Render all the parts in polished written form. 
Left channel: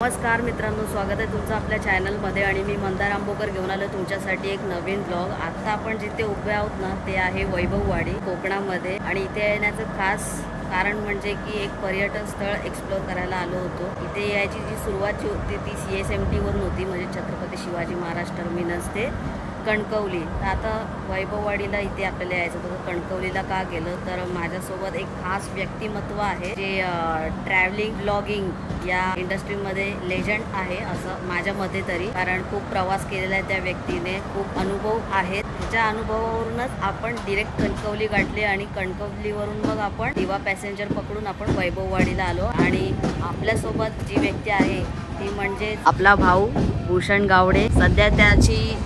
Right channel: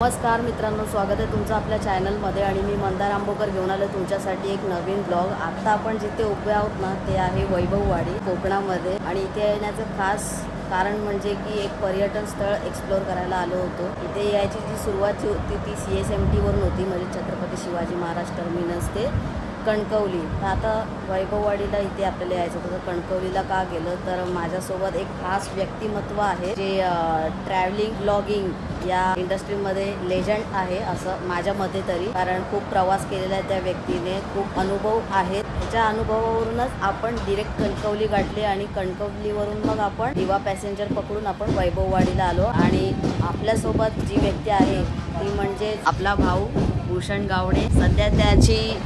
नमस्कार मित्रांनो, स्वागत आहे तुमचं आपल्या चॅनलमध्ये आणि मी मंदार आंबोकर घेऊन आलो तुमच्यासाठी एक नवीन ब्लॉग। आता आपण जिथे उभे आहोत ना ते आहे वैभववाडी कोकणामध्ये आणि इथे येण्याचं खास कारण म्हणजे की एक पर्यटन स्थळ एक्सप्लोर करायला आलो होतो। इथे यायची जी सुरुवात होती ती CSMT वरून होती, म्हणजे छत्रपती शिवाजी महाराज टर्मिनस ते कणकवली। तर आता वैभववाडीला इथे आपल्याला यायचं होतं। कणकवलीला का गेलं तर माझ्यासोबत एक खास व्यक्तिमत्व आहे जे ट्रॅव्हलिंग ब्लॉगिंग या इंडस्ट्रीमध्ये लेजंड आहे असं माझ्या मते तरी, कारण खूप प्रवास केलेला आहे त्या व्यक्तीने, खूप अनुभव आहेत। ह्याच्या अनुभवावरूनच आपण डिरेक्ट कणकवली गाठले आणि कणकवलीवरून मग आपण दिवा पॅसेंजर पकडून आपण वैभववाडीला आलो। आणि आपल्यासोबत जी व्यक्ती आहे ती म्हणजे आपला भाऊ भूषण गावडे। सध्या त्याची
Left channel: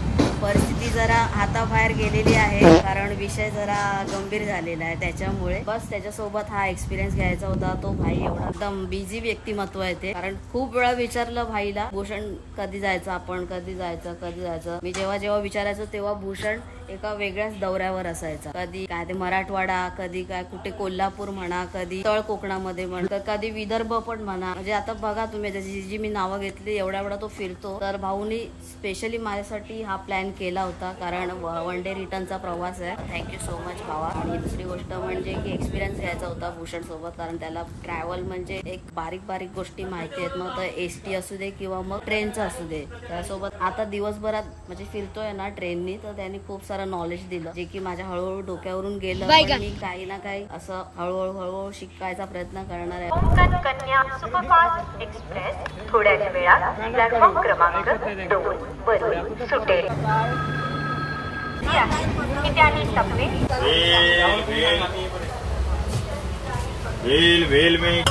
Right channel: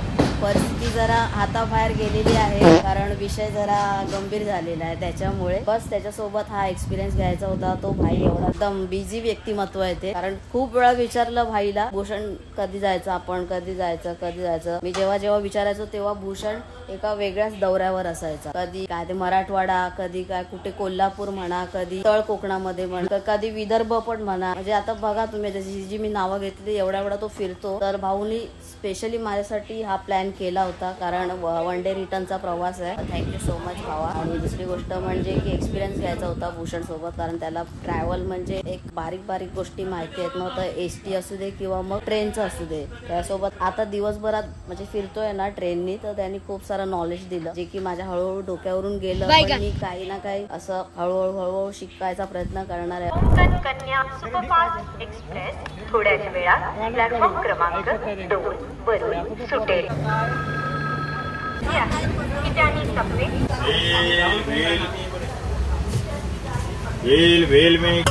परिस्थिती जरा हाताबाहेर गेलेली आहे, कारण विषय जरा गंभीर झालेला आहे, त्याच्यामुळे बस त्याच्यासोबत हा एक्सपिरियन्स घ्यायचा होता। तो भाई एवढा एकदम बिझी व्यक्तिमत्व आहे ते, कारण खूप वेळा विचारलं भाईला भूषण कधी जायचं, आपण कधी जायचं। मी जेव्हा विचारायचो तेव्हा भूषण एका वेगळ्याच दौऱ्यावर असायचा। कधी काय ते मराठवाडा, कधी काय कुठे कोल्हापूर म्हणा, कधी तळ कोकणामध्ये म्हणा, कधी विदर्भ पण म्हणा। म्हणजे आता बघा तुम्ही जी मी नावं घेतली एवढा तो फिरतो। तर भाऊनी स्पेशली माझ्यासाठी हा प्लॅन केला होता, कारण वन डे रिटर्नचा प्रवास आहे। थँक्यू सो मच भावा। आणि दुसरी गोष्ट म्हणजे की एक्सपिरियन्स घ्यायचा होता भूषण सोबत, कारण त्याला ट्रॅव्हल म्हणजे एक बारीक गोष्टी माहिती आहेत, मग तर ST असू दे किंवा मग ट्रेनचं असू दे। त्यासोबत आता दिवसभरात म्हणजे फिरतोय ना ट्रेननी, तर त्यांनी खूप सारं नॉलेज दिलं जे की माझ्या हळूहळू डोक्यावरून गेलं। मी काही ना काही असं हळूहळू शिकायचा प्रयत्न करणार आहे। कोकण कन्या सुपरफास्ट एक्सप्रेस थोड्याच वेळात प्लॅटफॉर्म क्रमांक 2 वरून सुटेल। वेल में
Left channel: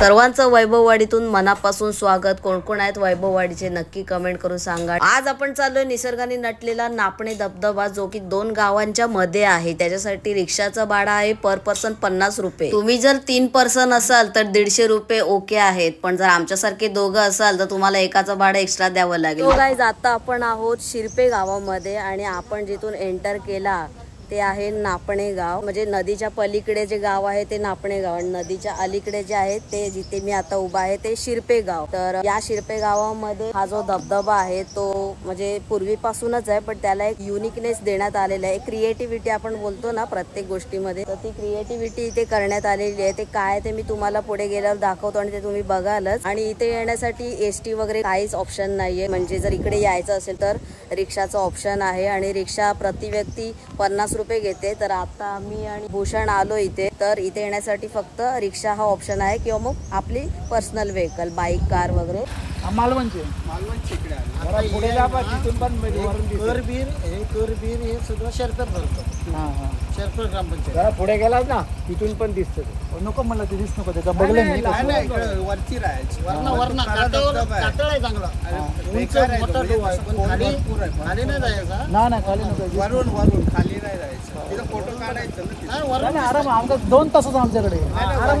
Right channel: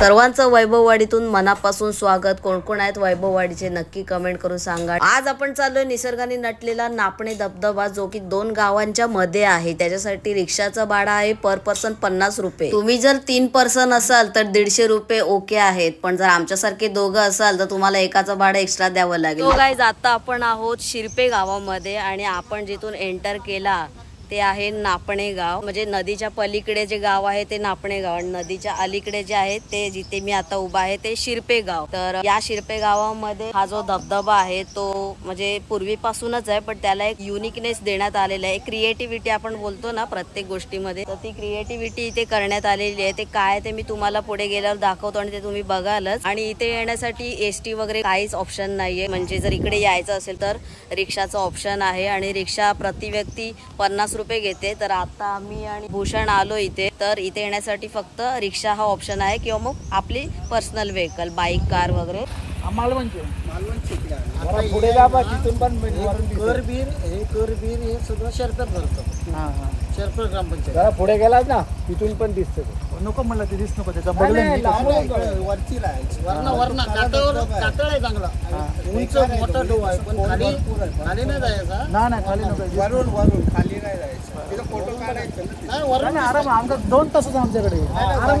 सर्वांचं वैभववाडीतून मनापासून स्वागत। कोण कोण आहेत वैभववाडीचे नक्की कमेंट करून सांगा। आज आपण चाललोय निसर्गाने नटलेला नापणे धबधबा, जो की 2 गावांच्या मध्ये आहे। त्याच्यासाठी रिक्षाचा भाडा आहे पर पर्सन 50 रुपये। तुम्ही जर 3 पर्सन असाल तर 150 रुपये ओके आहेत, पण जर आमच्यासारखे दोघं असाल तर तुम्हाला एकाचं भाडं एक्स्ट्रा द्यावं लागेल। तो गाईज आता आपण आहोत शिरपे गावामध्ये आणि आपण जिथून एंटर केला ते आहे नापणे गाव। म्हणजे नदीच्या पलीकडे जे गाव आहे ते नापणे गाव, नदीच्या अलीकडे जे आहे ते जिथे मी आता उभा आहे ते शिरपे गाव। तर या शिरपे गावामध्ये हा जो धबधबा आहे तो म्हणजे पूर्वीपासूनच आहे, पण त्याला एक युनिकनेस देण्यात आलेला आहे। क्रिएटिव्हिटी आपण बोलतो ना प्रत्येक गोष्टीमध्ये, तर ती क्रिएटिव्हिटी इथे करण्यात आलेली आहे। ते काय ते मी तुम्हाला पुढे गेल्यावर दाखवतो आणि ते तुम्ही बघालच। आणि इथे येण्यासाठी ST वगैरे काहीच ऑप्शन नाहीये, म्हणजे जर इकडे यायचं असेल तर रिक्षाचं ऑप्शन आहे आणि रिक्षा प्रति व्यक्ती 50 रुपये घेते। तर आता आम्ही आणि भूषण आलो इथे, तर इथे येण्यासाठी फक्त रिक्षा हा ऑप्शन आहे किंवा मग आपली पर्सनल व्हेकल, बाईक, कार वगैरे। मालवणचे इकडे आता पुढे जा बा, तिथून पण करबीर हे सगळं शेरपेट धरतं। शेरपेट ग्रामपंचायत जरा पुढे गेलात ना तिथून पण दिसतं। नको मला ते दिसत नको, त्याच्या बगले वरची राहायची, वरना कातळ आहे चांगला, उंच मोठा डोह आहे, पण खाली नाही जायचा। नाही खाली नको, वरून खाली नाही जायचं। तिथं फोटो काढायचं वरून आराम, आमचा 2 तासच आमच्याकडे आराम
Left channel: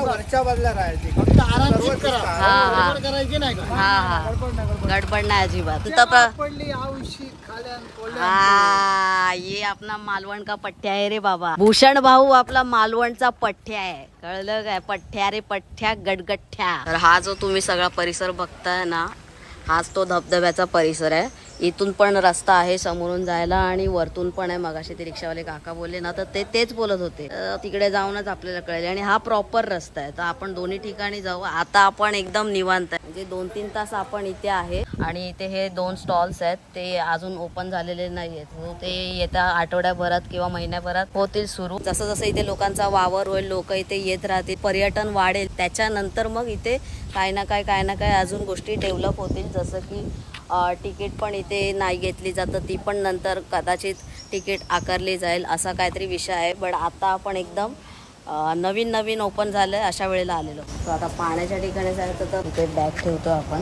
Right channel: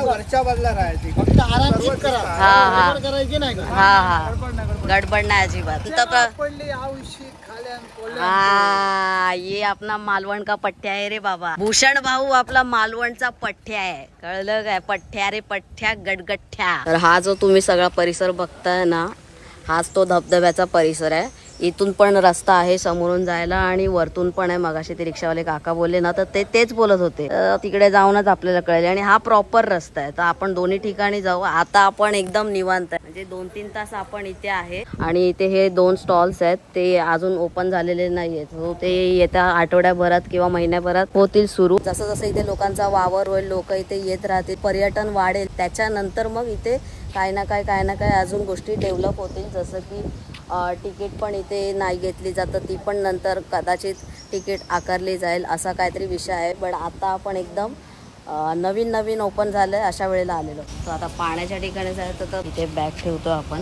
वरच्या बाजूला राहायची, फक्त आराम करा, करायची नाही का? हा गडबड नाही अजिबात। ये अपना मालवण का पठ्ठ्या आहे रे बाबा। भूषण भाऊ आपला मालवणचा पठ्ठ्या आहे, कळलं काय? पठ्ठ्या रे पठ्ठ्या, गडगठ्ठ्या। तर हा जो तुम्ही सगळा परिसर बघताय ना, हाच तो धबधब्याचा परिसर आहे। इथून पण रस्ता आहे समोरून जायला आणि वरतून पण आहे। मगाशी ते रिक्षावाले काका बोलले ना, तर तेच बोलत होते, तिकडे जाऊनच आपल्याला कळले। आणि हा प्रॉपर रस्ता आहे, तर आपण दोन्ही ठिकाणी जाऊ। आता आपण एकदम निवांत आहे, म्हणजे 2-3 तास आपण इथे आहे। आणि इथे हे 2 स्टॉल्स आहेत, ते अजून ओपन झालेले नाहीयेत, हो ते येत्या आठवड्याभरात किंवा महिन्याभरात होतील सुरू। जसं जसं इथे लोकांचा वावर होईल, लोक इथे येत राहतील, पर्यटन वाढेल, त्याच्यानंतर मग इथे काय ना काय अजून गोष्टी डेव्हलप होतील। जसं की तिकीट पण इथे नाही घेतली जातं, ती पण नंतर कदाचित तिकीट आकारली जाईल, असा काहीतरी विषय आहे। पण आता आपण एकदम नवीन नवीन ओपन झालंय अशा वेळेला आलेलो. तर आता पाण्याच्या ठिकाणी जायचं तर इथे बॅग ठेवतो आपण.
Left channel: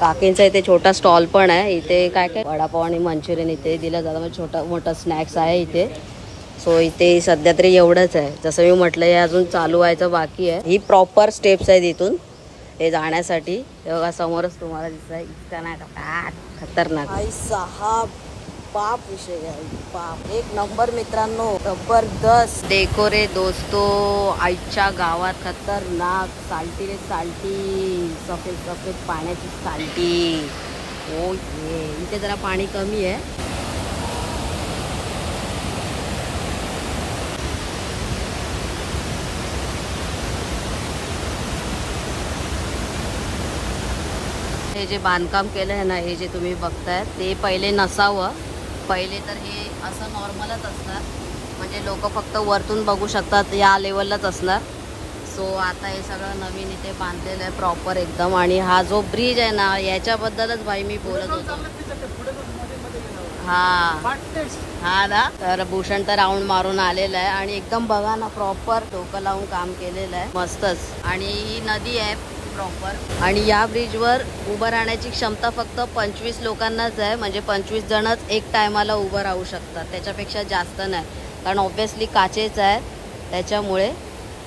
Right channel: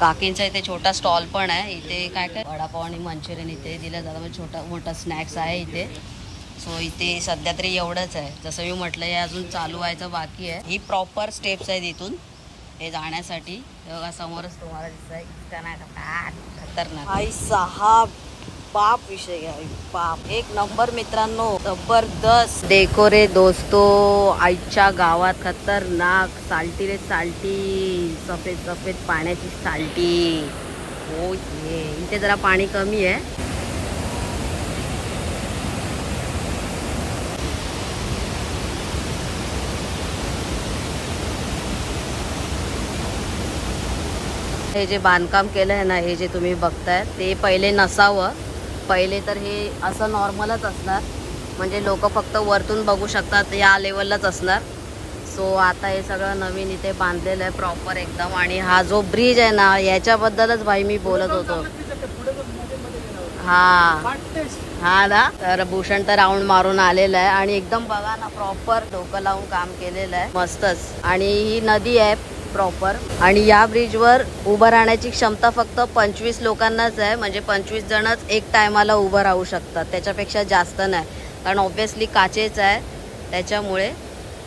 काकींचा इथे छोटा स्टॉल पण आहे. इथे काय काय वडापाव आणि मंचुरियन इथे दिलं जातं. म्हणजे छोटा मोठा स्नॅक्स आहे इथे. सो इथे सध्या तरी एवढंच आहे. जसं मी म्हटलं हे अजून चालू व्हायचं बाकी आहे. ही प्रॉपर स्टेप्स आहेत इथून हे जाण्यासाठी. हे बघा समोरच तुम्हाला दिसतंय. इतका नाही खतरनाक. आई साहब बाप विषय घ्या. बाप एक नंबर मित्रांनो. जबरदस्त डेकोरे दोस्तो. आईच्या गावात खतरनाक. साल्टी रे साल्टी. सफेद सफेद पाण्याची साल्टी. ओ ये इथे जरा पाणी कमी आहे. हे जे बांधकाम केलं आहे ना हे जे तुम्ही बघताय ते पहिले नसावं. पहिले तर हे असं नॉर्मलच असणार. म्हणजे लोक फक्त वरतून बघू शकतात या लेवललाच असणार. सो आता हे सगळं नवीन इथे बांधलेलं आहे प्रॉपर एकदम. आणि हा जो ब्रिज आहे ना याच्याबद्दलच भाई मी बोलत होतो. हा ना. तर भूषण तर राऊंड मारून आलेला आहे आणि एकदम बघा ना प्रॉपर डोकं लावून काम केलेलं आहे मस्तच. आणि ही नदी आहे प्रॉपर. आणि या ब्रिजवर उभं राहण्याची क्षमता फक्त 25 लोकांनाच आहे. म्हणजे 25 जणच एक टायमाला उभं राहू शकतात. त्याच्यापेक्षा जास्त नाही. कारण ऑब्विसली काचेच आहे त्याच्यामुळे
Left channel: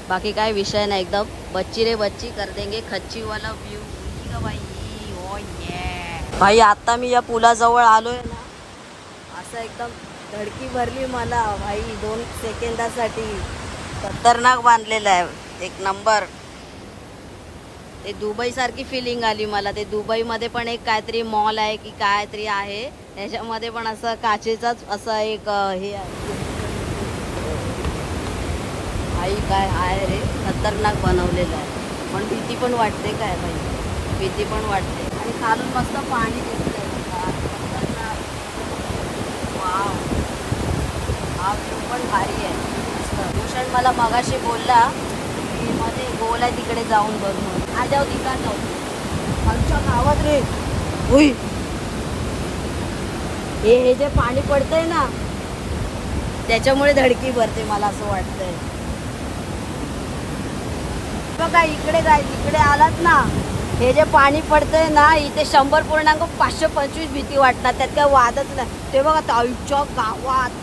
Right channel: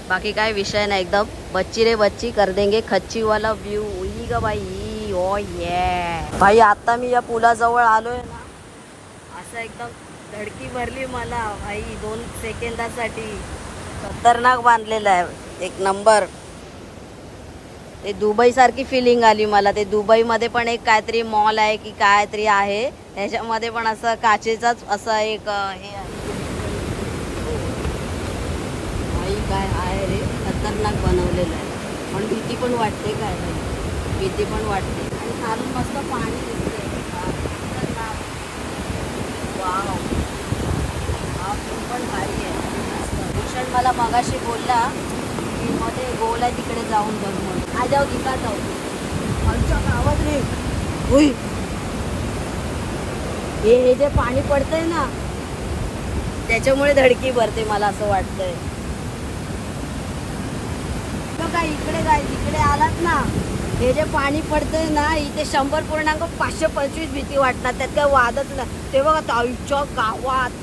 बाकी काय विषय नाही. एकदम बच्ची रे बच्ची कर देंगे खच्ची वाला व्ह्यू. ग बाई ओ ये भाई. आता मी या पुलाजवळ आलोय ना असं एकदम धडकी भरली मला भाई 2 सेकंदासाठी. खतरनाक बांधलेलं आहे एक नंबर. ते दुबई सारखी फिलिंग आली मला. ते दुबई मध्ये पण एक काहीतरी मॉल आहे की काहीतरी आहे त्याच्यामध्ये पण असं काचेचाच असा एक हे आहे. भाई काय आहे रे खतरनाक बनवलेलं आहे. पण भीती पण वाटते काय भाई. भीती पण वाटते. आणि खालून मस्त पाणी दिसते. वाव हा पण भारी आहे. भूषण मला मगाशी बोलला मध्ये गोल आहे तिकडे जाऊन बघ मग. आ जाऊ तिका जाऊ. आमच्या गावात रे हे जे पाणी पडतंय ना त्याच्यामुळे धडकी भरते मला असं वाटतंय. बघा इकडे काय तिकडे आलात ना हे जे पाणी पडतंय ना इथे 100.525 भीती वाटतात. त्यात काय वादच नाही. ते बघा आमच्या गावात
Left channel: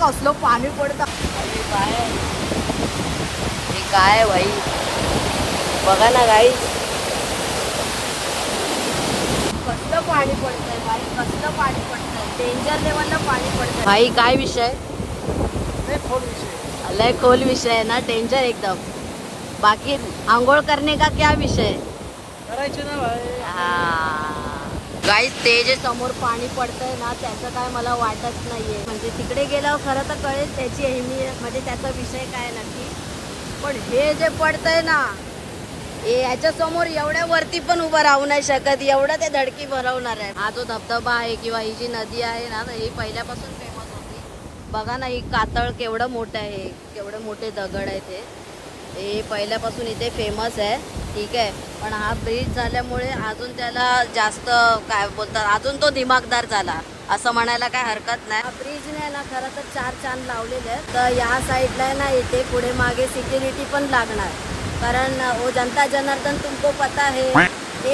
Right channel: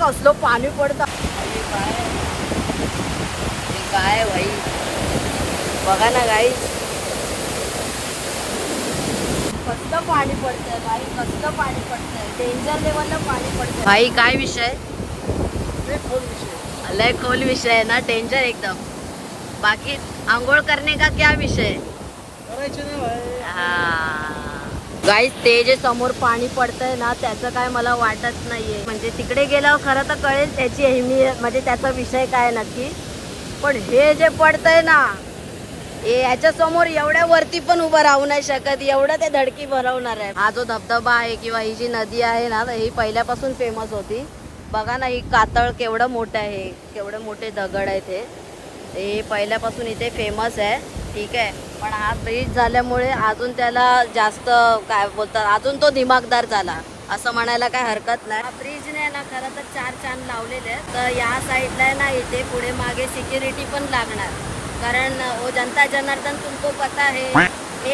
कसलं पाणी पडतं. अरे काय भाई बघा ना गाई कसलं पाणी पडतंय भाई. कसलं पाणी पडतंय. डेंजर लेवलला पाणी पडतंय भाई. काय विषय लय खोल विषय आहे ना. डेंजर एकदम. बाकी आंघोळ करने का क्या विषय करायचे ना भाई. हा गाईस ते जे समोर पाणी पडतंय ना त्याचं काय मला वाटत नाहीये. म्हणजे तिकडे गेल्यावर खरं तर कळेल त्याची अहमियत म्हणजे त्याचा विषय काय नक्की. पण हे जे पडतंय ना याच्या समोर एवढ्या वरती पण उभं राहू नाही शकत. एवढं ते धडकी भरवणार आहे. हा जो धबधबा आहे किंवा ही जी नदी आहे ना ही पहिल्यापासून फेमस होती. बघा ना ही कातळ केवढं मोठं आहे. केवढे मोठे दगड आहे ते पहिल्यापासून इथे फेमस आहे. ठीक आहे. पण हा ब्रिज झाल्यामुळे अजून त्याला जास्त काय बोलतात अजून तो दिमागदार झाला असं म्हणायला काय हरकत नाही. ब्रिजने ना खरं तर 4 चांद लावलेले आहेत. तर या साईडला आहे ना इथे पुढे मागे सिक्युरिटी पण लागणार. कारण वो जनता जनार्दन तुमको पता है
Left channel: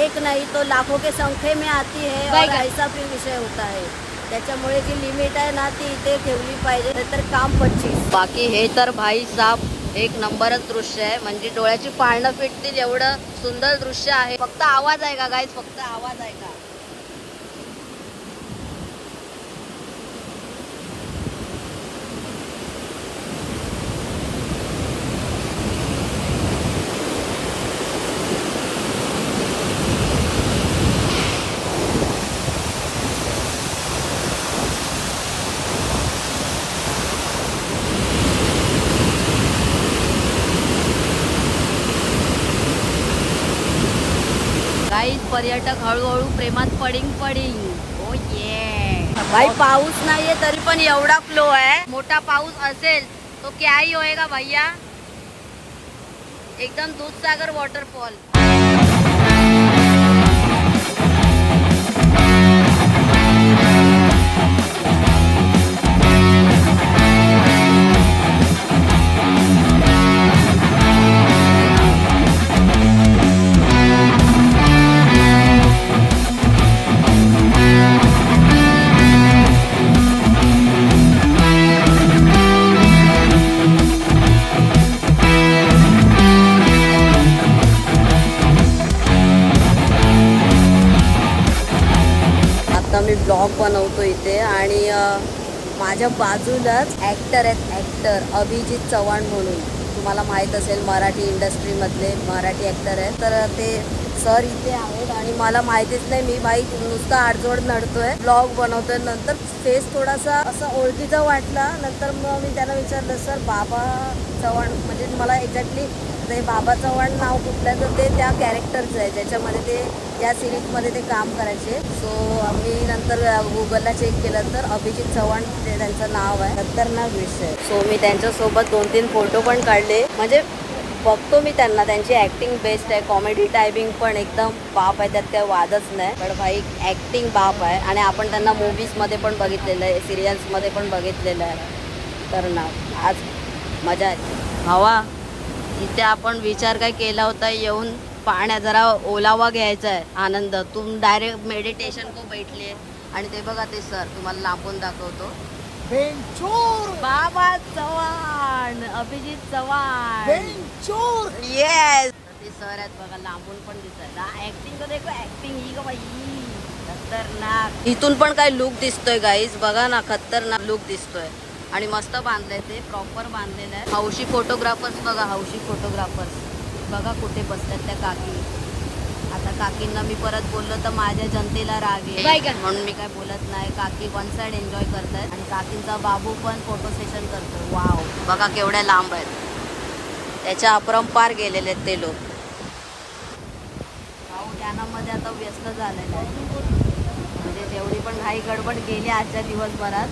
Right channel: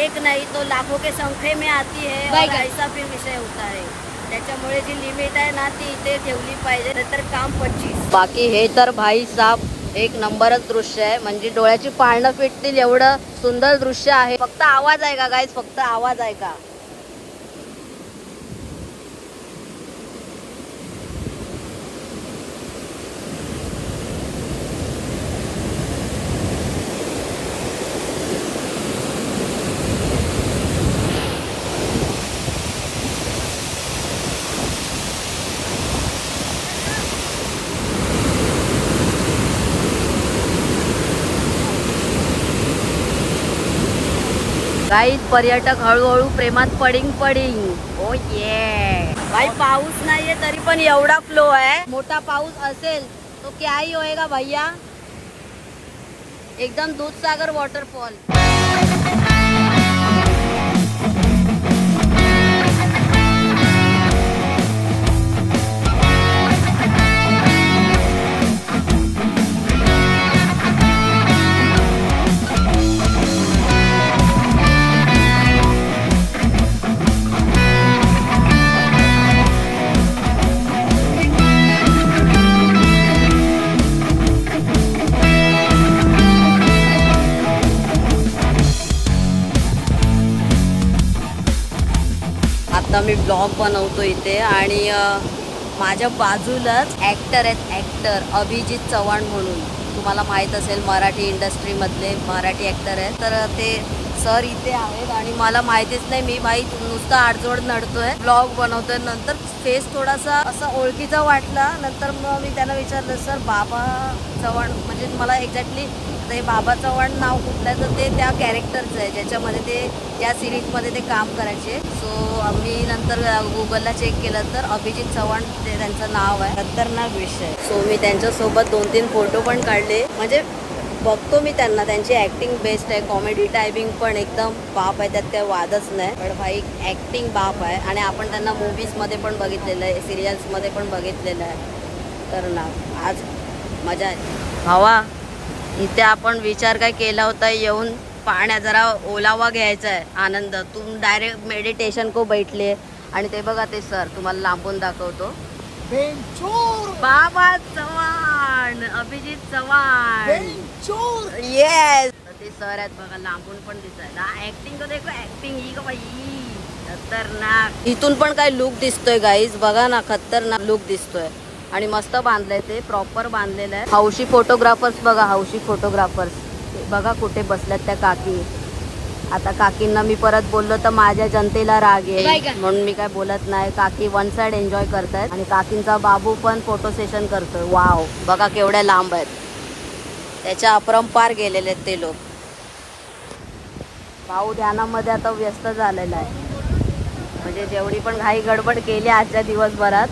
एक नहीं तो लाखों के संख्ये में आती है और ऐसा फिर विषय होता है. त्याच्यामुळे जी लिमिट आहे ना ती इथे ठेवली पाहिजे तर काम 25. बाकी हे तर भाई साहब एक नंबरच दृश्य आहे. म्हणजे डोळ्याची पाळणं फिटतील एवढं सुंदर दृश्य आहे. फक्त आवाज आहे का गाईज. फक्त आवाज आहे का. गाईज पर्यटक हळूहळू प्रेमात पडिंग. ओ ये भाई पाऊस नाहीये तरी पण एवढा फ्लो आहे. मोठा पाऊस असेल तो क्या ही होएगा भैया. एकदम दूधसागर वॉटरफॉल. ब्लॉग बनवतो इथे आणि माझ्या बाजूलाच ॲक्टर आहेत, ॲक्टर अभिजित चव्हाण म्हणून, तुम्हाला माहीत असेल मराठी इंडस्ट्रीमधले मराठी ॲक्टर आहेत. तर ते सर इथे आहेत आणि मला माहितीच नाही, मी भाई नुसता आडजोड नडतोय, ब्लॉग बनवतोय. नंतर फेस थोडासा असा ओळखीचा वाटला. नंतर मग मी त्यांना विचारलं, सर बाबा चव्हाण म्हणजे मला एक्झॅक्टली आता हे बाबा चव्हाण नाव कुठलं आहे, तर ते त्या कॅरेक्टरचं आहे ज्याच्यामध्ये ते ज्या सिरीजमध्ये ते काम करायचे. सो मी नंतर गुगलला चेक केलं तर अभिजित चव्हाण ते त्यांचं नाव आहे. खतरनाक विषय. सो मी त्यांच्यासोबत 2-3 फोटो पण काढले. म्हणजे बघतो मी त्यांना, त्यांची ॲक्टिंग बेस्ट आहे, कॉमेडी टायपिंग पण एकदम बाप आहे, त्यात काही वादच नाही. पण भाई ॲक्टिंग बाप आहे आणि आपण त्यांना मूवीजमध्ये पण बघितलेलं आहे, सिरियल्समध्ये पण बघितलेलं आहे. तर ना आज मजा आहे भावा. इथे आपण विचार काय केला होता येऊन पाण्यात जरा ओलावा घ्यायचा आहे, आनंद. तुम डायरेक्ट मेडिटेशन को बैठले आणि ते बघा ते सर तुम्हाला लांबून दाखवतो, बाबा चव्हाण, अभिजित चव्हाण, येस ते सर आहेत बघा, लांबून पण दिसत. ऍक्टिंग तो देखो, ऍक्टिंग ही का बाई खतरनाक. इथून पण काय लुक दिसतोय गाईज, बघा ना, खतरनाक लुक दिसतोय. आणि मस्त बांधलंय, ते प्रॉपर बांधलेलं आहे. हौशी फोटोग्राफर्स बघा, हौशी फोटोग्राफर्स बघा कुठे बसल्यात त्या काकी. आता काकींना मी परत बोललो तर माझ्या जनतेला राग आहे म्हणून मी काय बोलत नाही. काकी वन साइड एन्जॉय करतायत आणि काकींचा बाबू पण फोटो सेशन करतोय. वाव, बघा केवढ्या लांब आहेत, त्याच्या अपरंपार गेलेले आहेत ते लोक. भाऊ ध्यानामध्ये आता व्यस्त झालेला आहे. म्हणजे जेवढी पण घाई गडबड केली आजच्या दिवसभरात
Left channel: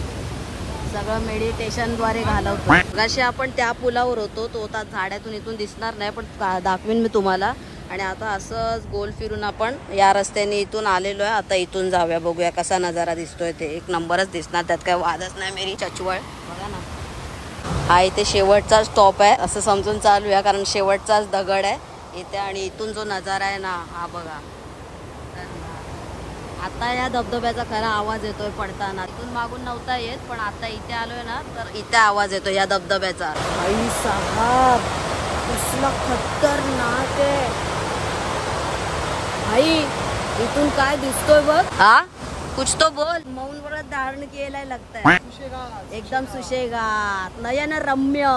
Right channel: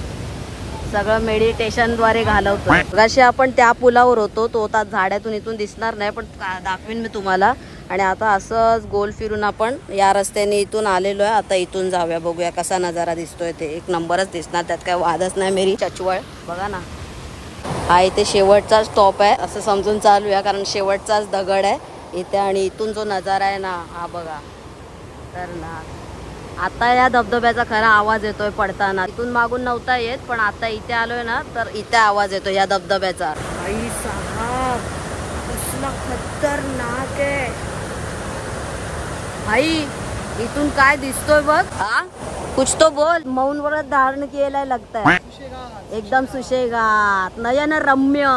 सगळं मेडिटेशनद्वारे घालवतो. अशी आपण त्या पुलावर होतो, तो आता झाड्यातून इथून दिसणार नाही पण दाखवीन मी तुम्हाला. आणि आता असंच गोल फिरून आपण या रस्त्याने इथून आलेलो आहे. आता इथून जाऊया, बघूया कसा नजारा दिसतोय. ते एक नंबरच दिसणार, त्यात काय वादच नाही. मेरी चचवळ बघा ना, हा इथे शेवटचा स्टॉप आहे असं समजून चालूया, कारण शेवटचाच दगड आहे इथे. आणि इथून जो नजारा आहे ना हा बघा. तर ना आता या धबधब्याचा खरा आवाज येतोय पडताना. इथून मागून नव्हता येत पण आता इथे आलोय ना तर इथे आवाज येतो या धबधब्याचा. भाई साहब कसला खतरनाक आहे भाई. इथून काय दिसतोय बघ. हा कुछ तो बोल. मौन व्रत धारण केलाय लगता एकदम सुशेगात, नयन रम्य.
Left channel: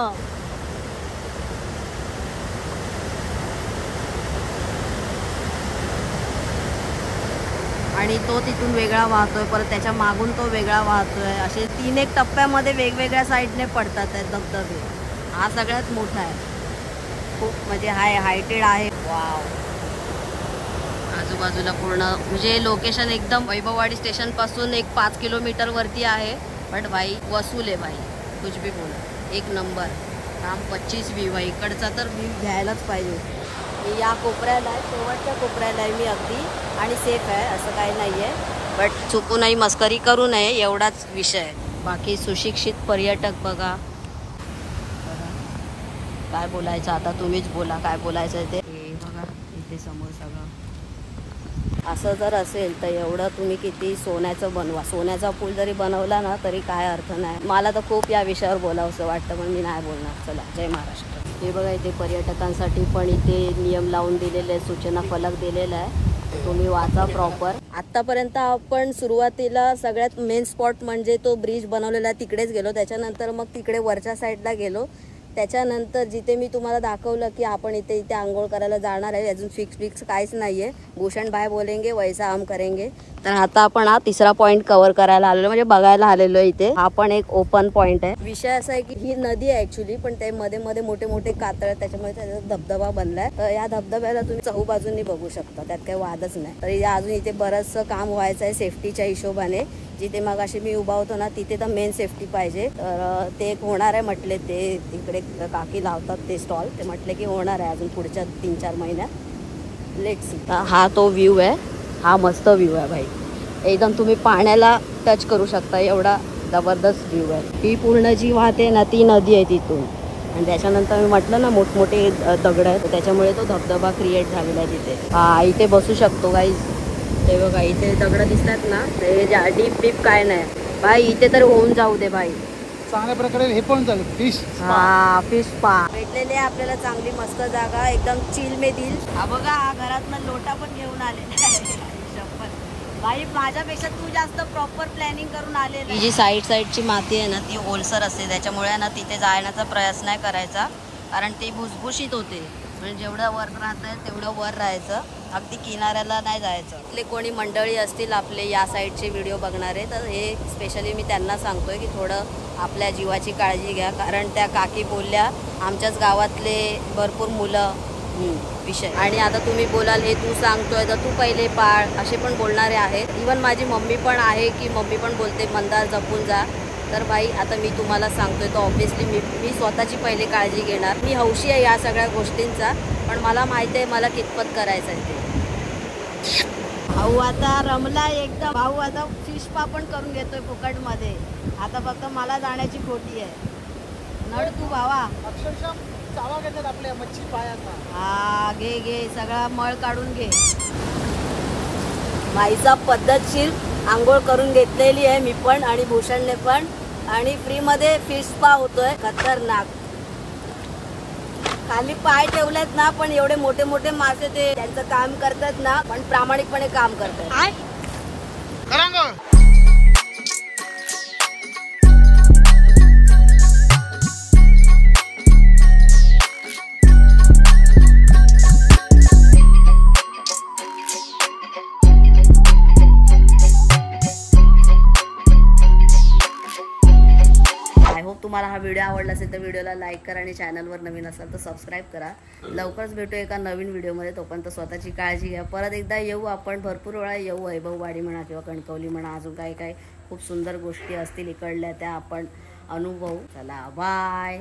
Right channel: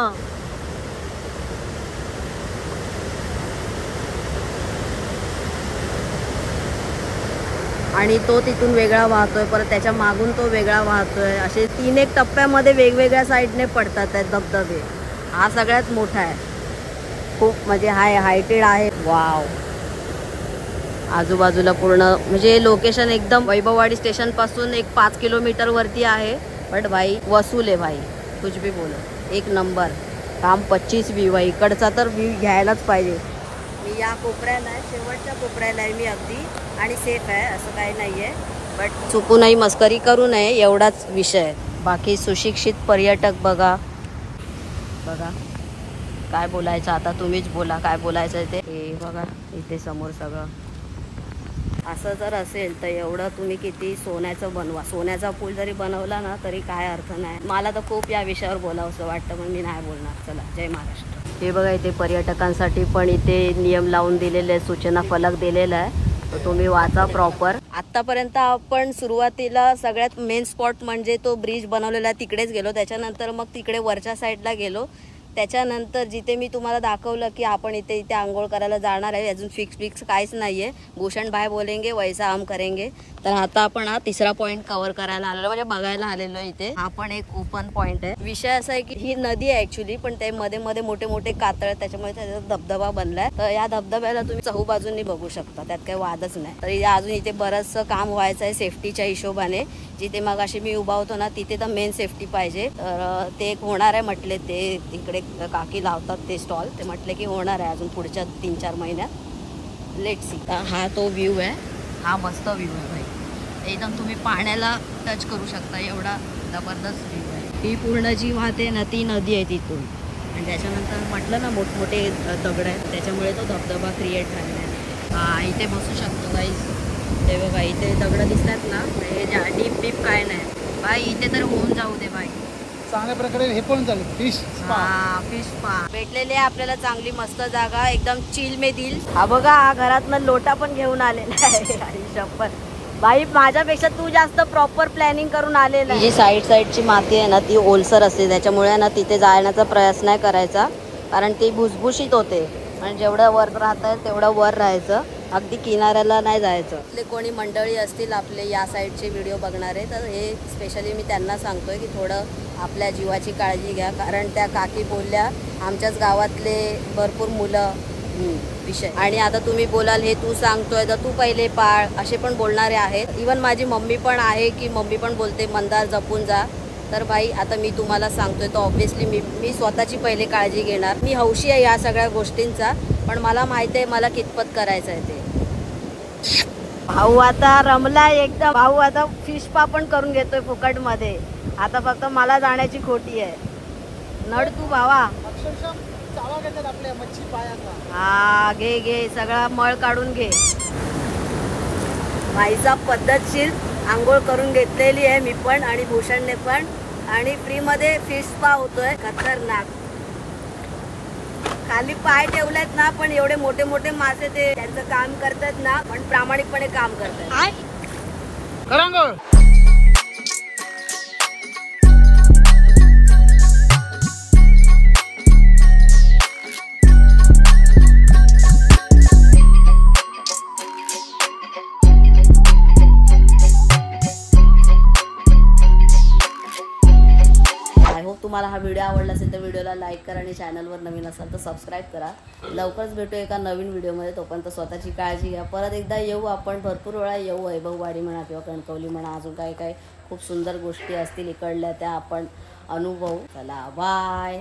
आणि तो तिथून वेगळा वाहतोय, परत त्याच्या मागून तो वेगळा वाहतोय. असे 3 टप्प्यामध्ये वेगवेगळ्या साईडने पडतात धबधबे. हा सगळ्यात मोठा आहे, खूप म्हणजे हायटेड आहे. वाव, आजूबाजूला पूर्ण म्हणजे लोकेशन एकदम वैभववाडी स्टेशन पासून एक 5 किलोमीटर वरती आहे. बट भाई वसूल आहे भाई, कुछ भी बोला, एक नंबर. काम 25 व्ह्यू आहे इकडचा, तर व्ह्यू घ्यायलाच पाहिजे. मी या कोपऱ्याला आहे, शेवटच्या कोपऱ्याला आहे मी अगदी, आणि सेफ आहे असं काही नाही आहे. बट चुकूनही मस्करी करू नये एवढाच विषय. बाकी सुशिक्षित पर्यटक बघा बघा काय बोलायचं आता, तुम्हीच बोला काय बोलायचं ते. हे बघा इथे समोर सगळं असं जर असेल तर एवढं तुम्ही किती सोन्याचं बनवा. सोन्याचा पूल जरी बनवला ना तरी काय अर्थ नाही. मला तर खूप या विषयावर बोलावंसं वाटतं पण मी नाही बोलणार. चला, जय महाराष्ट्र. हे बघा इथे पर्यटकांसाठी पण इथे नियम लावून दिलेले आहे, सूचना फलक दिलेला आहे, तर तुम्ही वाचा प्रॉपर. आतापर्यंत आपण सुरुवातीला सगळ्यात मेन स्पॉट म्हणजे तो ब्रिज बनवलेला तिकडेच गेलो. त्याच्यानंतर मग तिकडे वरच्या साईडला गेलो. त्याच्यानंतर जिथे मी तुम्हाला दाखवलं की आपण इथे आंघोळ करायला जाणार आहे, अजून फिक्स काहीच नाहीये. भूषण भाई बोलेंगे वैसा हम करेंगे. तर आता आपण हा 3रा पॉइंट कव्हर करायला आलेलो, म्हणजे बघायला आलेलो इथे. हा पण एक ओपन पॉइंट आहे. विषय असा आहे की ही नदी आहे ऍक्च्युली, पण ते मध्ये मध्ये मोठे मोठे कातळ, त्याच्यामुळे त्याचा धबधबा बनलाय. तर या धबधब्याला तुम्ही चहूबाजूंनी बघू शकता, त्यात काही वादच नाही. तर अजून इथे बरंचसं काम व्हायचं आहे सेफ्टीच्या हिशोबाने. जिथे मग अशी मी उभा होतो ना तिथे तर मेन सेफ्टी पाहिजे. तर ते एक होणार आहे म्हटले, ते तिकडे काकी लावतात ते स्टॉल, ते म्हटले की होणार आहे अजून पुढच्या 3-4 महिन्यात. Let's see. हा तो व्ह्यू आहे, हा मस्त व्ह्यू आहे भाई. एकदम तुम्ही पाण्याला टच करू शकता, एवढा जबरदस्त व्ह्यू आहे. ही पूर्ण जी वाहते ना ती नदी आहे तिथून. आणि त्याच्यानंतर मी म्हटलं ना मोठमोठे दगड आहेत, त्याच्यामुळे तो धबधबा क्रिएट झालेला आहे तिथे. हा इथे बसू शकतो गाईज. ते बघा इथे दगड दिसतात ना, ते डीप काय नाही भाई. इथे तर होऊन जाऊ दे भाई, चांगल्या प्रकारे हे पण झालं. फिश पा भेटलेली आहे आपल्याला चांगली मस्त जागा, एकदम चिल में दिल. हा बघा, हा घरातनं लोटा पण घेऊन आलेला आहे. शपथ बाई माझ्यापेक्षा तू जास्त प्रॉपर प्लॅनिंग करून आलेला. जी साईडची माती आहे ना ती ओलसर असते, त्याच्यामुळे ना तिथे जाण्याचा प्रयास नाही करायचा, कारण ती भुसभुशीत होते. आणि जेवढं वर राहत आहे तेवढं वर राहायचं, अगदी किनाऱ्याला नाही जायचं. आपले कोणी मंडळी असतील आपले या साईडचे व्हिडिओ बघणारे, तर हे स्पेशली मी त्यांना सांगतोय की थोडं आपल्या जीवाची काळजी घ्या, कारण त्या काकी बोलल्या आमच्याच गावातले भरपूर मुलं विषय. आणि आता तुम्ही बोलाल हे तू सांगतोय तर तू पहिले पाळ, असे पण बोलणारे आहेत. इवन माझी मम्मी पण आहे की मम्मी पण बोलते मंदार जपून जा. तर भाई आता मी तुम्हाला सांगतोय तर ऑब्व्हियसली मी स्वतःची पहिले काळजी घेणार. मी हौशी आहे या सगळ्या गोष्टींचा, पण मला माहिती आहे मला कितपत करायचं आहे ते. भाऊ आता रमला एकदम. भाऊ आता फिश पा पण करून घेतोय फुकट मध्ये. आता फक्त मला जाण्याची खोटी आहे. नड तू भावा. अक्षरशः चावा घेतात आपल्या मच्छी पायाचा. हा घे सगळा मळ काढून घे. बाईचा पद्धतशीर आंघोळ करून घेतलेली आहे मी पण आणि भूषणने पण. आणि फ्री मध्ये फिश स्पा होतोय खतरनाक. खाली पाय ठेवलेत ना, पण एवढे मोठे मोठे मासे ते त्यांचं काम करतात ना, पण प्रामाणिकपणे काम करतात. तुम्हाला हा व्हिडिओ आवडला असेल तर व्हिडिओला लाईक करा आणि चॅनलवर नवीन असाल तर सबस्क्राईब करा. लवकरच भेटू एका नवीन व्हिडिओमध्ये. तोपर्यंत स्वतःची काळजी घ्या. परत एकदा येऊ आपण, भरपूर वेळा येऊ. वैभववाडी म्हणा किंवा कणकवली म्हणा, अजून काय खूप सुंदर गोष्टी असतील इकडल्या त्या आपण अनुभवू. चला बाय.